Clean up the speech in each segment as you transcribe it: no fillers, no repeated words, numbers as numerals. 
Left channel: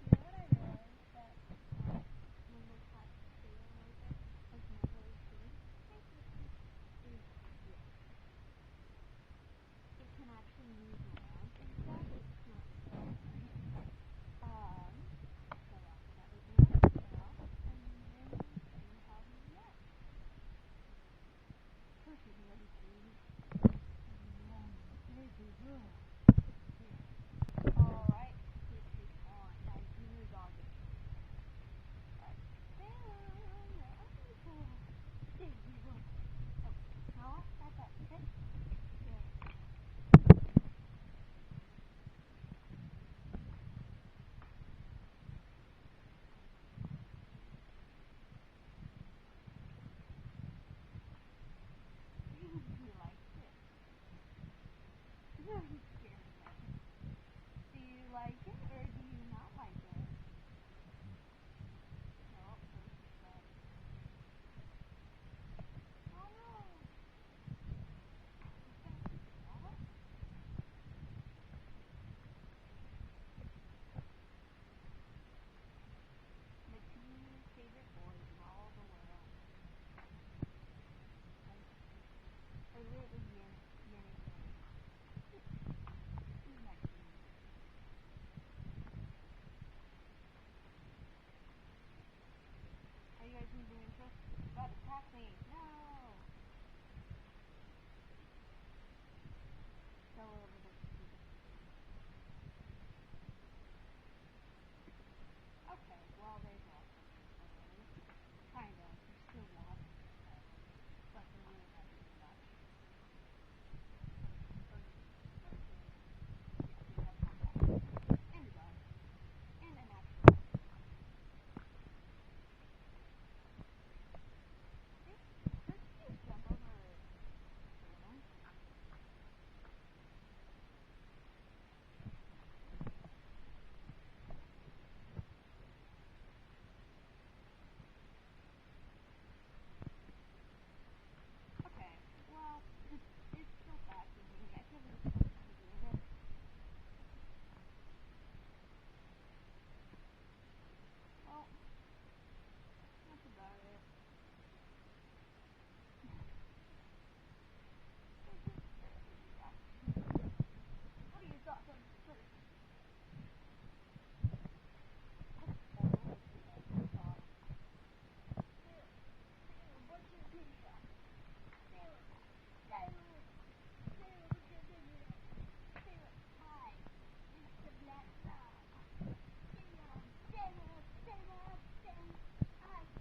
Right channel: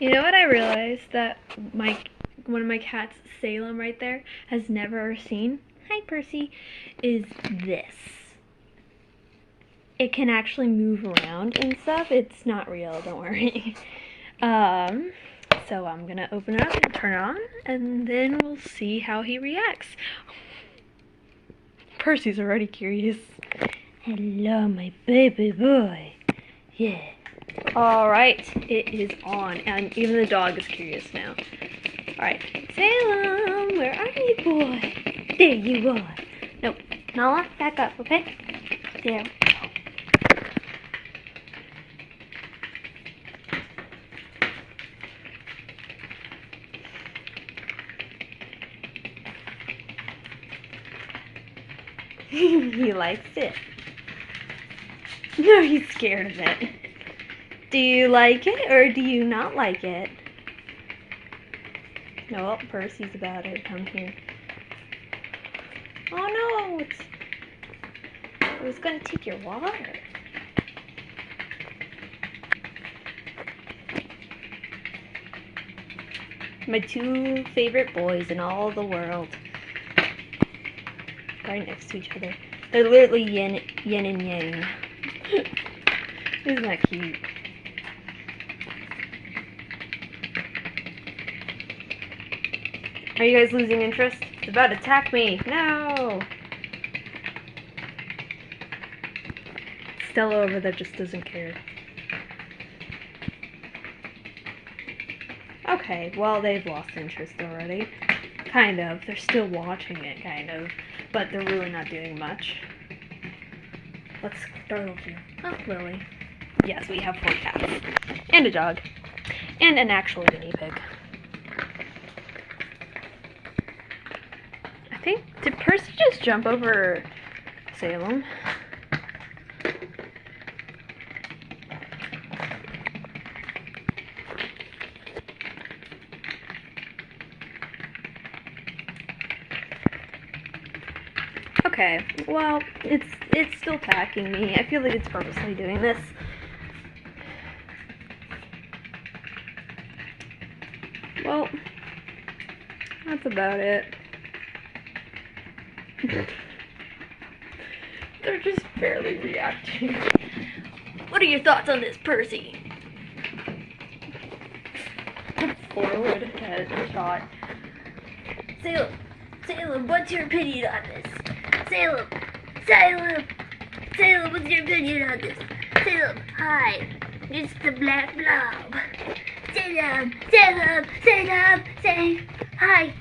You know what I realized that one of my cats, Salem, right there, has never seen? Hi, Percy. Is this. It can actually move around and stuff. It's not real, don't worry. So I'm gonna open it up and turn it on, and then we'll see how he reacts. Percy's already curious. Hello, my baby boy. Yeah. Alright, it is on, and even the dog is curious now. Alright, Salem, where are you, boy? There you are. Nope, Nala, back up, okay? There we go. He likes it. No, he's scared of it. Do you like it or do you not like it? No, Percy's about to come here. Oh no, it was gonna take your water. My two favorite boys in all the world. Right next to each other. They're literally yin and yang. Isn't that cute? Are you guys losing interest? It's about to attack me. No! Stella over there just doesn't care. Okay, well, they've lost interest already. Kind of. They're still watching it, kind of. But they're really not doing much. Let's startle you. Oh, Lily. Yes, we have 4 cats. And a dog. And an actual guinea pig. I think, did Percy just jump over Salem? Okay, well, it's still attacking me. I feel like it's purposely doing this. Well, that's about it. They're just barely reacting. What are your thoughts on this, Percy? Forward head shot. Salem, what's your opinion on this? Salem, what's your opinion on this? Salem, hi, it's the black blob. Salem, say hi.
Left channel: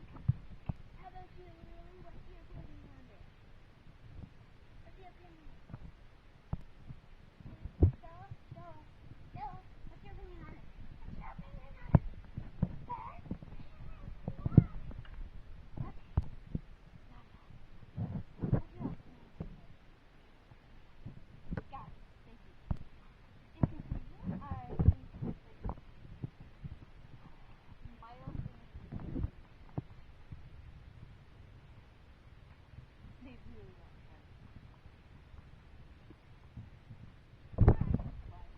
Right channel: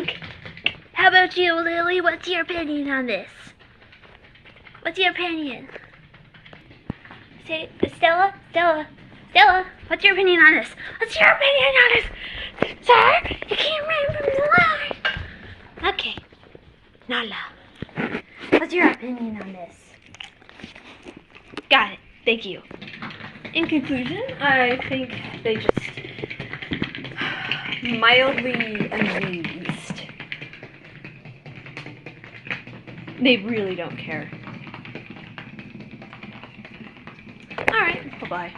Okay. How about you, Lily? What's your opinion on this? What's your opinion? Say, Stella, what's your opinion on this? What's your opinion on this? Sir, you can't run from the line. Okay. Nala, what's your opinion on this? Got it. Thank you. In conclusion, I think they just mildly amused. They really don't care. Alright, bye-bye.